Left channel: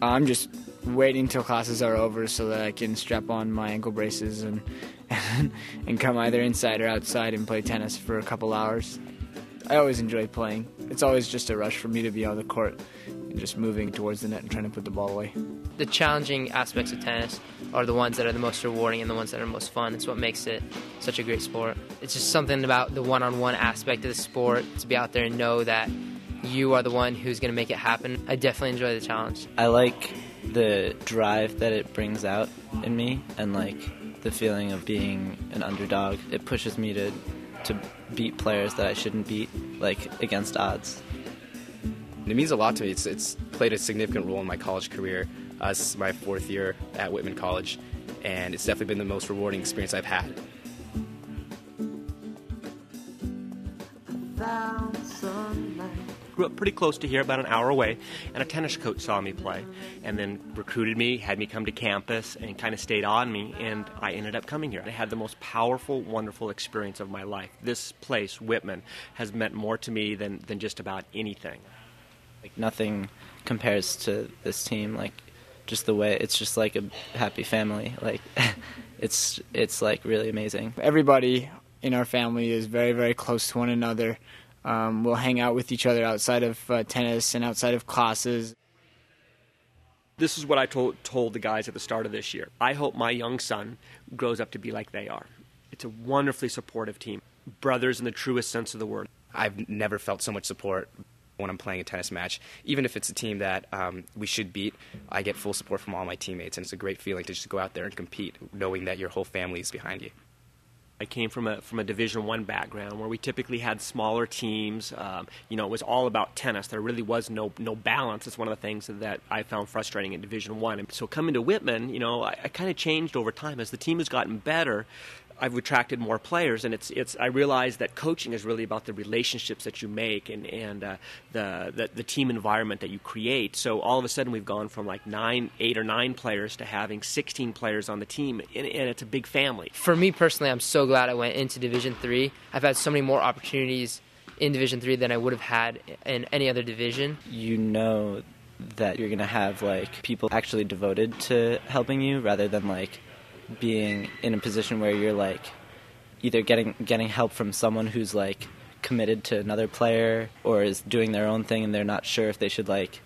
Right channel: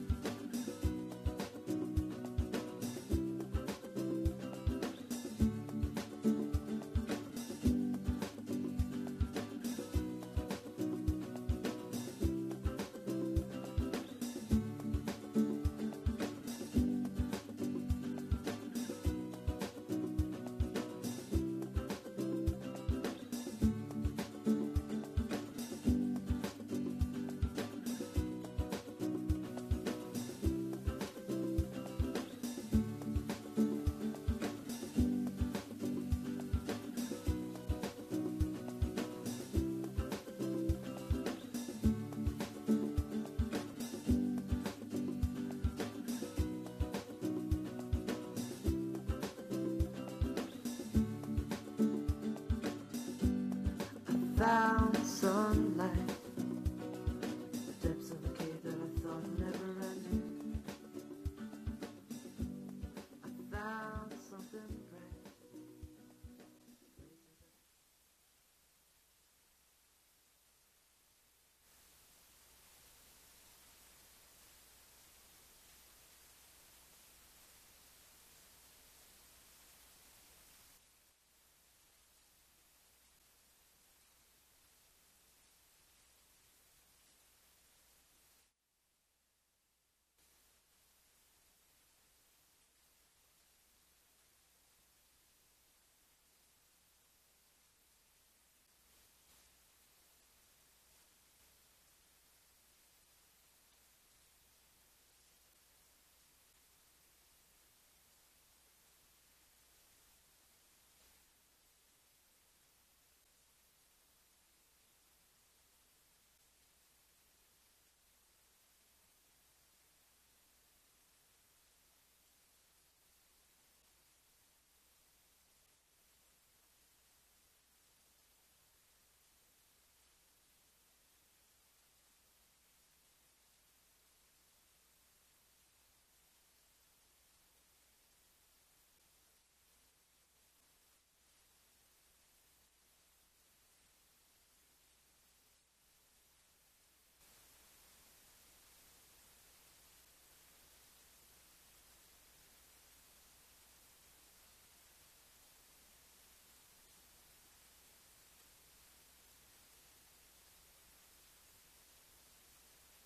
I'm just waiting till classes are over so that I can strap on my ankle braces and and come either inside or outside and play tennis for a couple hours. I always enjoy playing. It's always just a rush for me to be on the court and just moving towards the net and trying to put the ball away. The challenging aspects of tennis are the ones that are the most rewarding and the ones that are most fun. It's what makes it such a great sport. It's just something about the one-on-one aspect of the sport, to be out there and know that you are the one who's going to make it happen. I definitely enjoy the challenge. I like the drive that it brings out in me, and like the feeling of being an underdog. It pushes me to beat players that I shouldn't beat, like against odds. It means a lot to me. It's played a significant role in my college career. This is my 4th year at Whitman College, and it's definitely been the most rewarding experience I've had. Found sunlight. Grew up pretty close to here, about an hour away, and a tennis coach saw me play and then recruited me, had me come to campus, and kind of stayed on me, and I ended up coming here. I had the most powerful, wonderful experience of my life. This place, Whitman, has meant more to me than just about anything. Like nothing compares to this team. Like just the way it's just like a happy family. Like it's like really amazing. Everybody in our family is very, very close to one another. We'll hang out with each other outside of tennis and outside of classes. This is what I told the guys at the start of this year. I hope my young son grows up to be like they are. It's a wonderfully supportive team. Brothers in the truest sense of the word. I've never felt so much support when I'm playing a tennis match. Even if it's a team that we should beat, I get full support from all my teammates, and it's a great feeling to just go out there and compete, knowing that your whole family is behind you. I came from a Division I background where we typically had smaller teams. It was all about tennis. There really was no balance. It's one of the things that I found frustrating in Division I. And so coming to Whitman, I kind of changed over time. As the team has gotten better, I've attracted more players, and I realized that coaching is really about the relationships that you make and the team environment that you create. So all of a sudden we've gone from like 8 or 9 players to having 16 players on the team, and it's a big family. For me personally, I'm so glad I went into Division III. I've had so many more opportunities in Division III than I would have had in any other division. You know that you're gonna have like people actually devoted to helping you rather than like being in a position where you're like either getting help from someone who's like committed to another player or is doing their own thing and they're not sure if they should like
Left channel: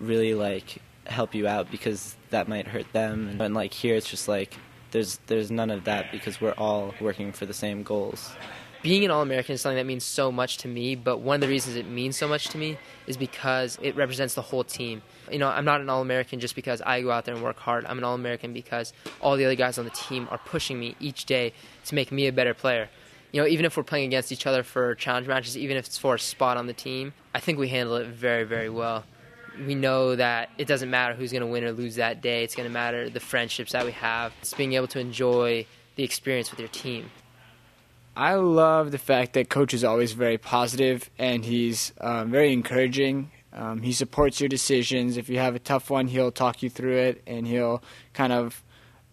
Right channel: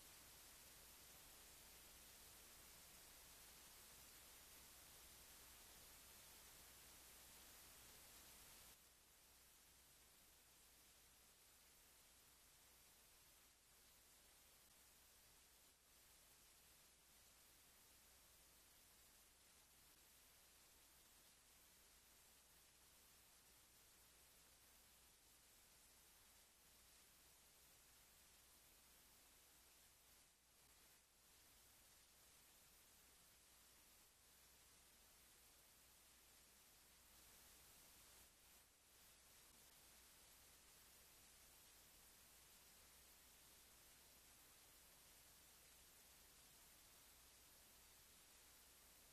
really like help you out because that might hurt them. And like here it's just like there's none of that because we're all working for the same goals. Being an All-American is something that means so much to me, but one of the reasons it means so much to me is because it represents the whole team. I'm not an All-American just because I go out there and work hard. I'm an All-American because all the other guys on the team are pushing me each day to make me a better player. Even if we're playing against each other for challenge matches, even if it's for a spot on the team, I think we handle it very, very well. We know that it doesn't matter who's going to win or lose that day. It's going to matter the friendships that we have. It's being able to enjoy the experience with your team. I love the fact that Coach is always very positive and he's very encouraging. He supports your decisions. If you have a tough one, he'll talk you through it and he'll kind of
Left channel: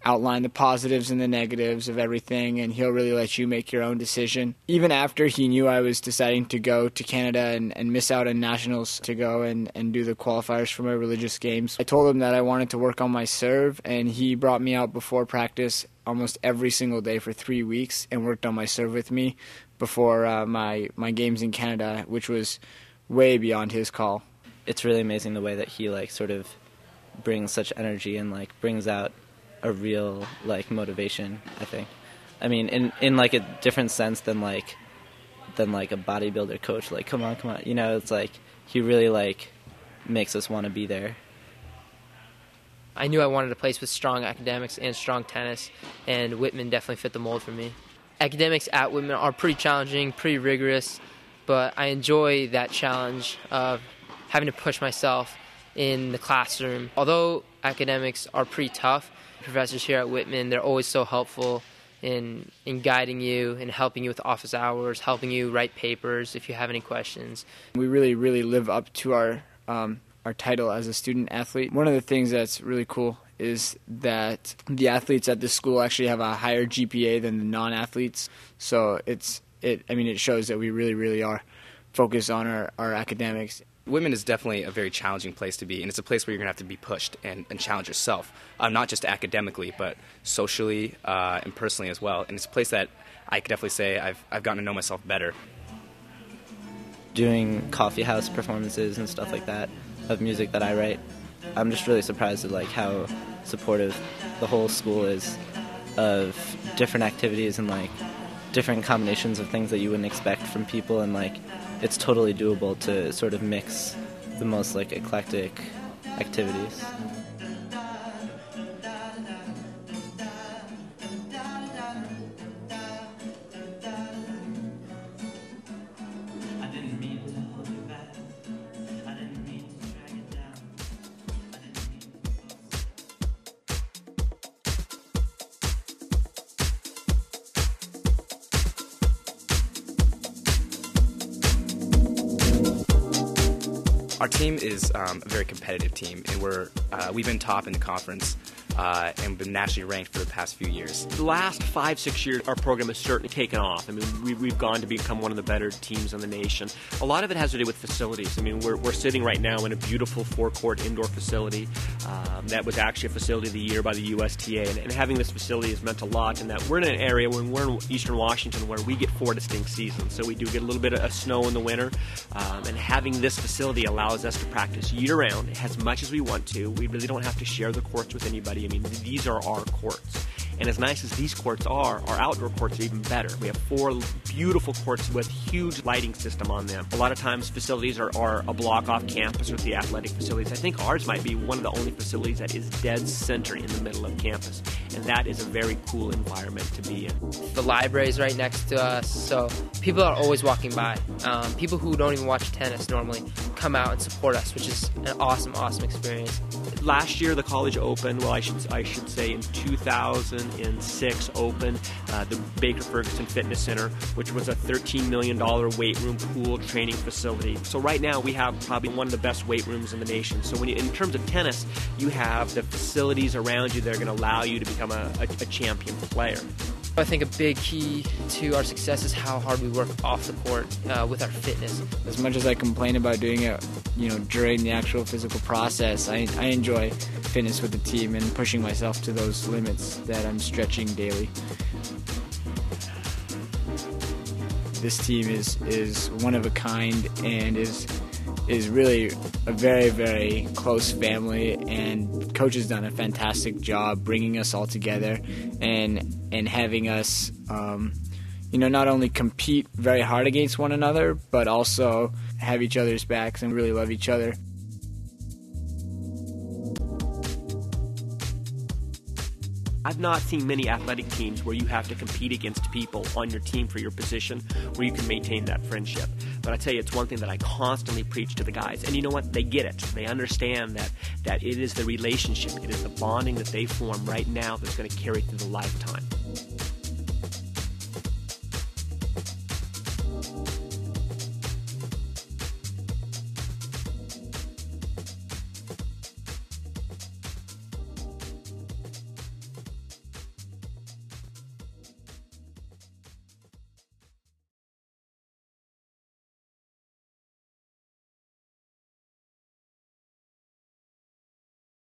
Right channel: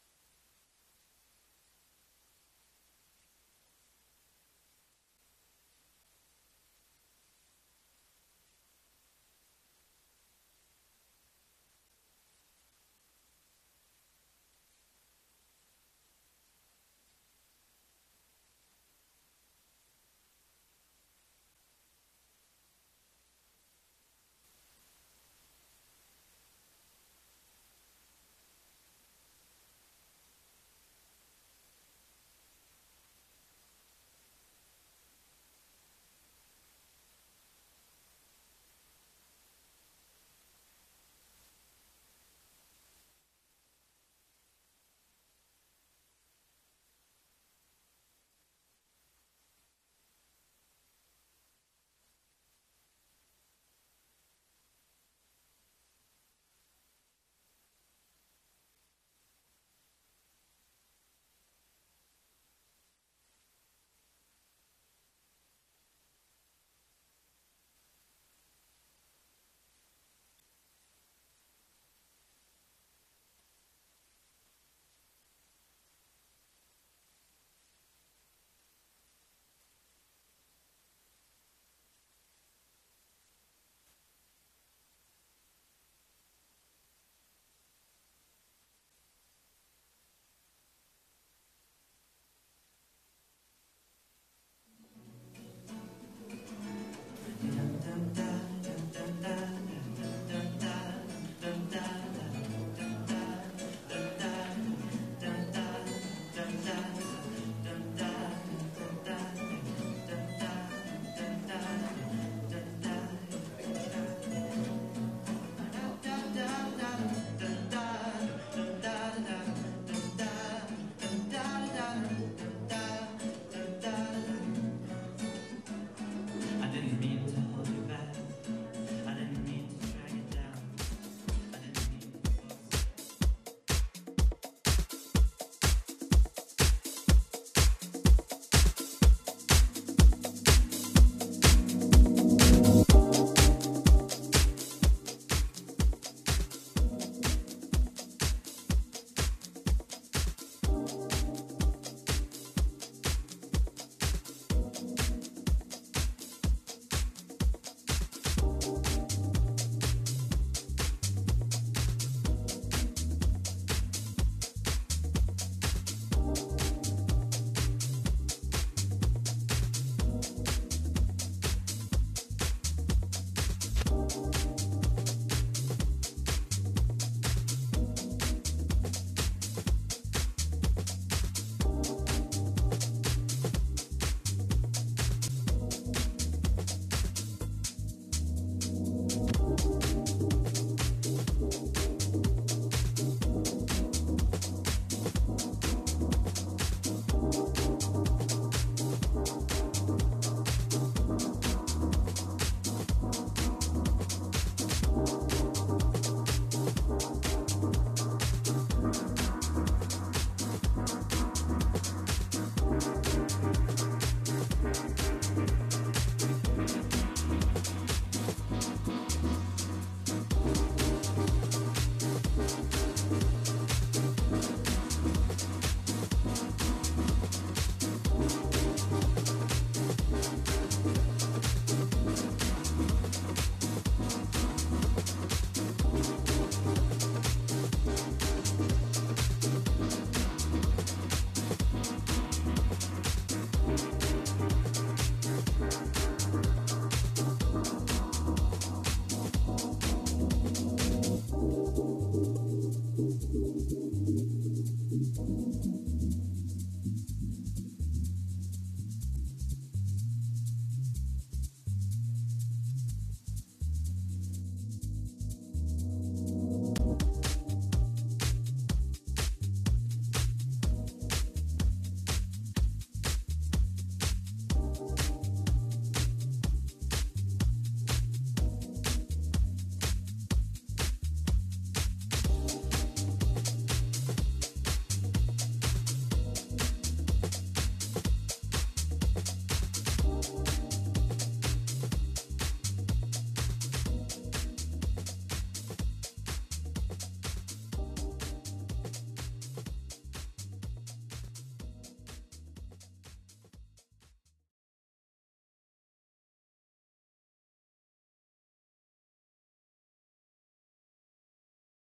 outline the positives and the negatives of everything, and he'll really let you make your own decision. Even after he knew I was deciding to go to Canada and miss out on nationals to go and do the qualifiers for my religious games, I told him that I wanted to work on my serve, and he brought me out before practice almost every single day for 3 weeks and worked on my serve with me before my games in Canada, which was way beyond his call. It's really amazing the way that he like sort of brings such energy and like brings out a real like motivation, I think. I mean in like a different sense than like a bodybuilder coach, like come on, it's like he really like makes us want to be there. I knew I wanted a place with strong academics and strong tennis, and Whitman definitely fit the mold for me. Academics at Whitman are pretty challenging, pretty rigorous, but I enjoy that challenge of having to push myself in the classroom. Although academics are pretty tough, professors here at Whitman, they're always so helpful in guiding you and helping you with office hours, helping you write papers if you have any questions. We really, really live up to our title as a student athlete. One of the things that's really cool is that the athletes at this school actually have a higher GPA than the non-athletes. So it shows that we really, really are focused on our academics. Whitman is definitely a very challenging place to be, and it's a place where you're going to have to be pushed and challenge yourself, not just academically, but socially and personally as well. And it's a place that I could definitely say I've gotten to know myself better. Doing coffee house performances and stuff like that of music that I write, I'm just really surprised at like how supportive the whole school is of different activities and like different combinations of things that you wouldn't expect from people, and like it's totally doable to sort of mix the most like eclectic activities. Our team is a very competitive team, and we've been top in the conference and been nationally ranked for the past few years. The last 5-6 years, our program has certainly taken off. I mean, we've gone to become one of the better teams in the nation. A lot of it has to do with facilities. I mean, we're sitting right now in a beautiful 4-court indoor facility. That was actually a facility of the year by the USTA, and having this facility has meant a lot in that we're in an area when we're in Eastern Washington where we get 4 distinct seasons. So we do get a little bit of snow in the winter, and having this facility allows us to practice year-round as much as we want to. We really don't have to share the courts with anybody. I mean, these are our courts. And as nice as these courts are, our outdoor courts are even better. We have 4 beautiful courts with huge lighting system on them. A lot of times facilities are a block off campus with the athletic facilities. I think ours might be one of the only facilities that is dead center in the middle of campus. And that is a very cool environment to be in. The library is right next to us, so people are always walking by. People who don't even watch tennis normally come out and support us, which is an awesome, awesome experience. Last year, the college opened, well, I should say in 2006, opened the Baker Ferguson Fitness Center, which was a $13 million weight room, pool, training facility. So right now, we have probably one of the best weight rooms in the nation. So when in terms of tennis, you have the facilities around you that are going to allow you to become a champion player. I think a big key to our success is how hard we work off the court with our fitness. As much as I complain about doing it, during the actual physical process, I enjoy fitness with the team and pushing myself to those limits that I'm stretching daily. This team is one of a kind and is really a very, very close family, and coach has done a fantastic job bringing us all together and having us not only compete very hard against one another, but also have each other's backs and really love each other. I've not seen many athletic teams where you have to compete against people on your team for your position where you can maintain that friendship. But I tell you, it's one thing that I constantly preach to the guys. And you know what? They get it. They understand that it is the relationship, it is the bonding that they form right now that's going to carry through the lifetime.